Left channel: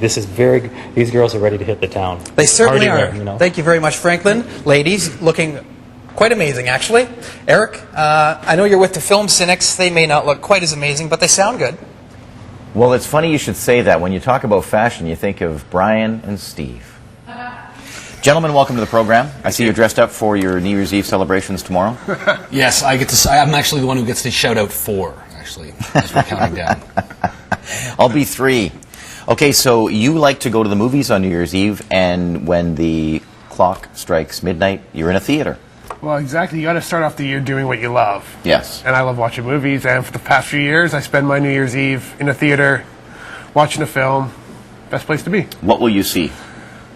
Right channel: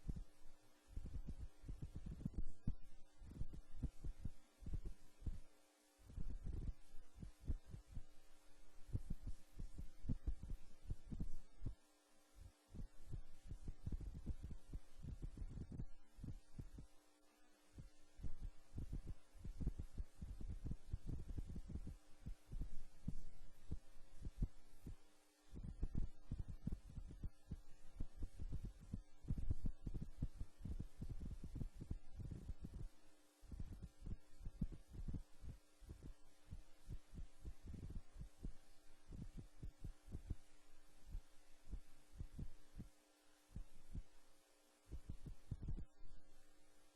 These girls are ready to hit the town. They certainly Party are. there, you know. Thank you very much, Franklin. Ladies, looking quite amazing, actually. Eric, I know you're with the film Cynics. They may not look quite as amazing, but they sound good. Well, it's funny you should say that. When you talk about fashion, you think of Brian and Steve. Gentlemen, welcome to the program. I see you're dressed up for your New Year's Eve celebrations tomorrow. Yes, I'm actually the one who gets to shout out 4, actually, as we're counting down. I'll be 3. Okay, so you like to go to the movies on New Year's Eve, and when the clock strikes midnight, you're in a theater. Well, exactly. You got to start off the year doing what you love. Yes. And I love watching movies, and for the past few years, I spend my New Year's Eve in a theater, watching a film. Best place to be. What will you see?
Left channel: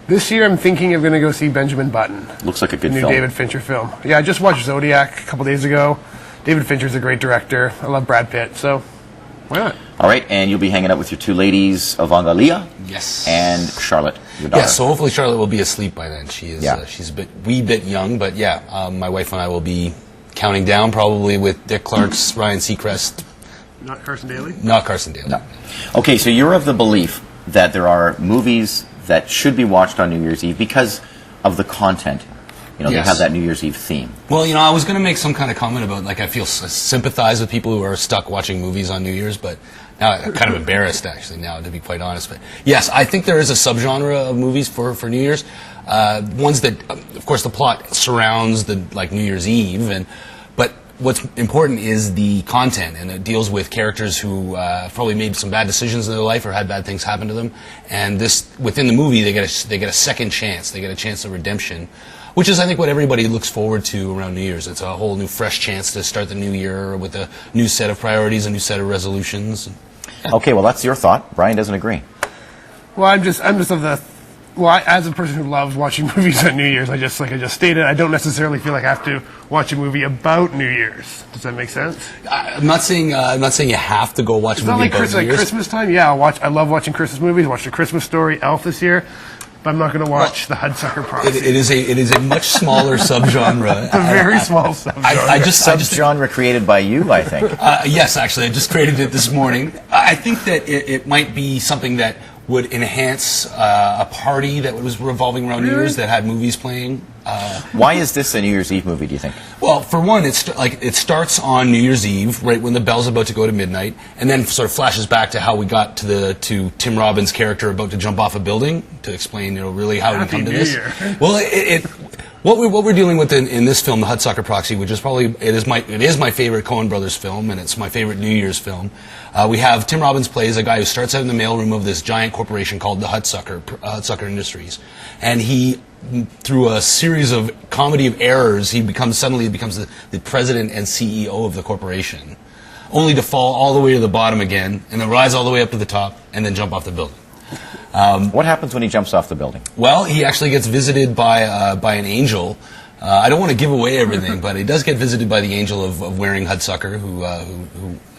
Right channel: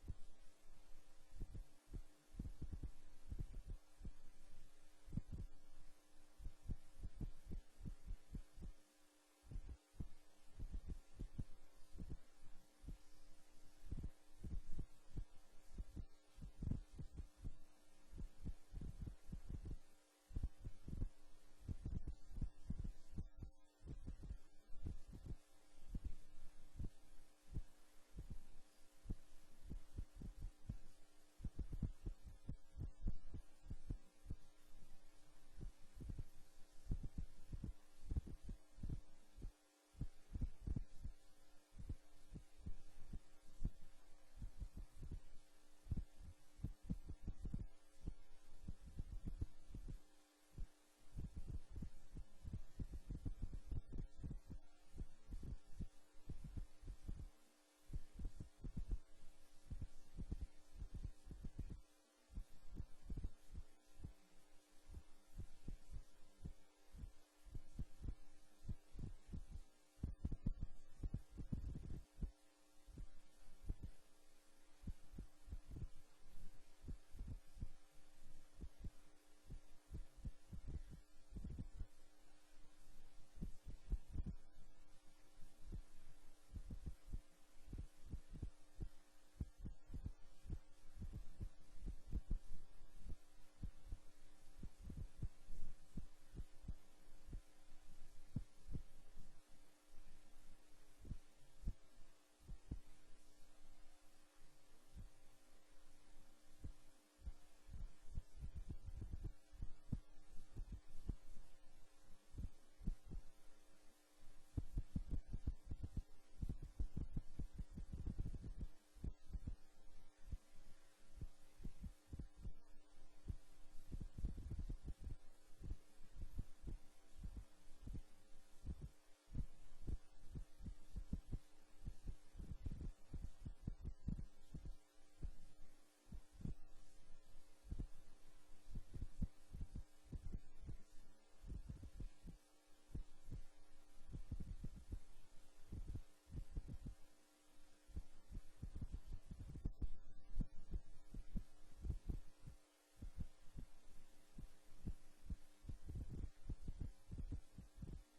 This year, I'm thinking of going to go see Benjamin Button. Looks like a good the new film. David Fincher film. Yeah, I just watched Zodiac a couple days ago. David Fincher's a great director. I love Brad Pitt, so why not? All right, and you'll be hanging out with your 2 ladies, Evangelia Yes. and Charlotte, your daughter. Yeah, so hopefully Charlotte will be asleep by then. She is. Yeah. She's a wee bit young, but yeah, my wife and I will be counting down, probably with Dick Clark's Ryan Seacrest. Not Carson Daly? Not Carson Daly. No. Okay, so you're of the belief that there are movies that should be watched on New Year's Eve because of the content. You know, Yes. they have that New Year's Eve theme. Well, you know, I was going to make some kind of comment about, like, I feel sympathize with people who are stuck watching movies on New Year's, but now I'm kind of embarrassed, actually, now, to be quite honest. But yes, I think there is a subgenre of movies for New Year's. Ones that, of course, the plot surrounds the, like, New Year's Eve, but what's important is the content, and it deals with characters who probably made some bad decisions in their life or had bad things happen to them. And this, within the movie, they get a second chance. They get a chance of redemption, which is, I think, what everybody looks forward to around New Year's. It's a whole new, fresh chance to start the new year with a new set of priorities, a new set of resolutions. Okay, well, that's your thought. Brian doesn't agree. Well, I'm just of the... Well, as a person who loves watching movies on New Year's, like I just stated, I don't necessarily feel like I have to watch a movie about New Year's. Does that make sense? I'm not saying you have to go watch It's a not movie like, about New Year's. Christmas time. Yeah, I love watching Christmas movies. I watched The Christmas Story, Elf this year, but I'm not going to watch The Hudsucker Proxy. It is a much smaller subgenre. It's a very small subgenre. I just Subgenre created by you, I think. Yes, actually, I just created it this morning. I think that it might be something that would enhance a party that was revolving around New Year's that had movies playing. Why is this a New Year's Eve movie, do you think? Well, for one, it starts on New Year's Eve, right when the bell's about to go to midnight, and then sort of flashes back to how we got to Tim Robbins' character about to jump off a building to explain, really how we come to this. Well, what we're dealing with in this film, The Hudsucker Proxy, which is probably it is my favorite Coen Brothers film, and it's my favorite New Year's film. We have Tim Robbins plays a guy who starts out in the mailroom of this giant corporation called the Hudsucker Industries, and he, through a series of comedy of errors, he suddenly becomes the president and CEO of the corporation, only to fall all the way to the bottom again, and then rise all the way up to the top, and then jump off the building. What happens when he jumps off the building? Well, he actually gets visited by an angel. I don't want to give away everything, but he does get visited by the angel of wearing Hudsucker, who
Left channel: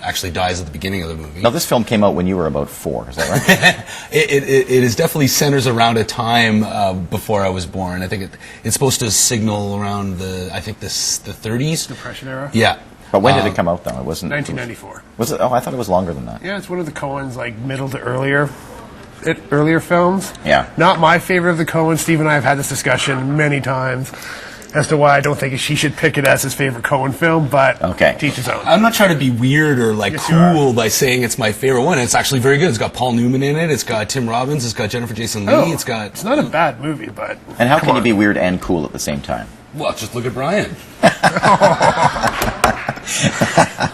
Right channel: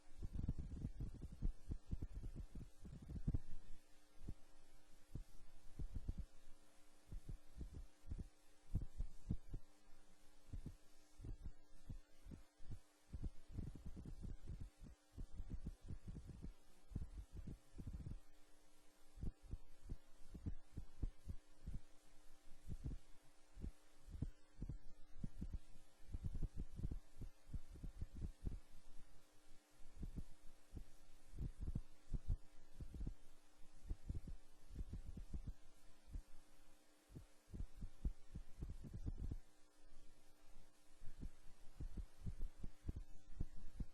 actually dies at the beginning of the movie. Now, this film came out when you were about 4, is that right? It is definitely centers around a time before I was born. I think it's supposed to signal around the 30s. Depression era? Yeah. But when did it come out, though? It wasn't... 1994. Was it? Oh, I thought it was longer than that. Yeah, it's one of the Coens, like, middle to earlier films. Yeah. Not my favorite of the Coens. Steve and I have had this discussion many times as to why I don't think she should pick it as his favorite Coen film, but teach his own. I'm not trying to be weird or Yes, you cool by saying it's my favorite one. It's actually very good. It's got Paul Newman in it. It's got Tim Robbins. It's got Jennifer Jason Leigh. It's not a bad movie, but... And how can you be weird and cool at the same time? Well, just look at Brian.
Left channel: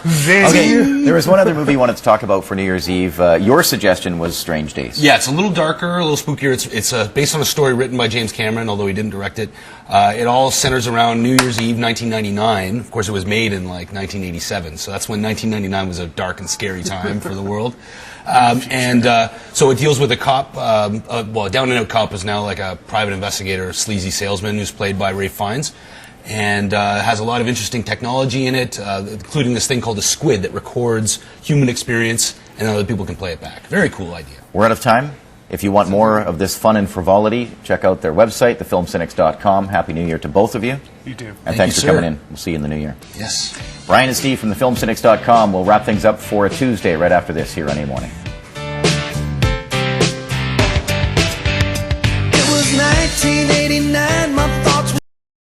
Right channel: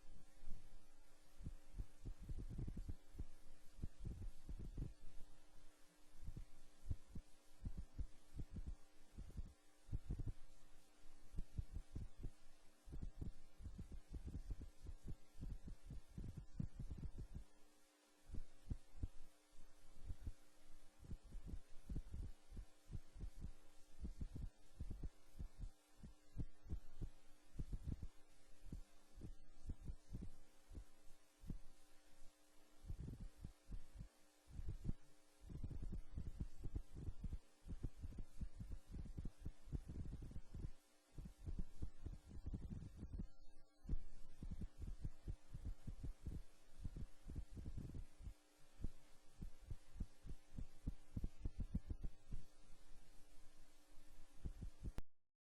Okay, there was one other movie you wanted to talk about for New Year's Eve. Your suggestion was Strange Days. Yeah, it's a little darker, a little spookier. It's based on a story written by James Cameron, although he didn't direct it. It all centers around New Year's Eve, 1999. Of course, it was made in, 1987, so that's when 1999 was a dark and scary time for the world. So it deals with a cop, a down-and-out cop is now like a private investigator, a sleazy salesman who's played by Ralph Fiennes, and has a lot of interesting technology in it, including this thing called a squid that records human experience, and other people can play it back. Very cool idea. We're out of time. If you want more of this fun and frivolity, check out their website, thefilmcynics.com. Happy New Year to both of you. You too. And thanks for coming in. We'll see you in the new year. Yes. Brian and Steve from thefilmcynics.com will wrap things up for a Tuesday right after this here on A Morning.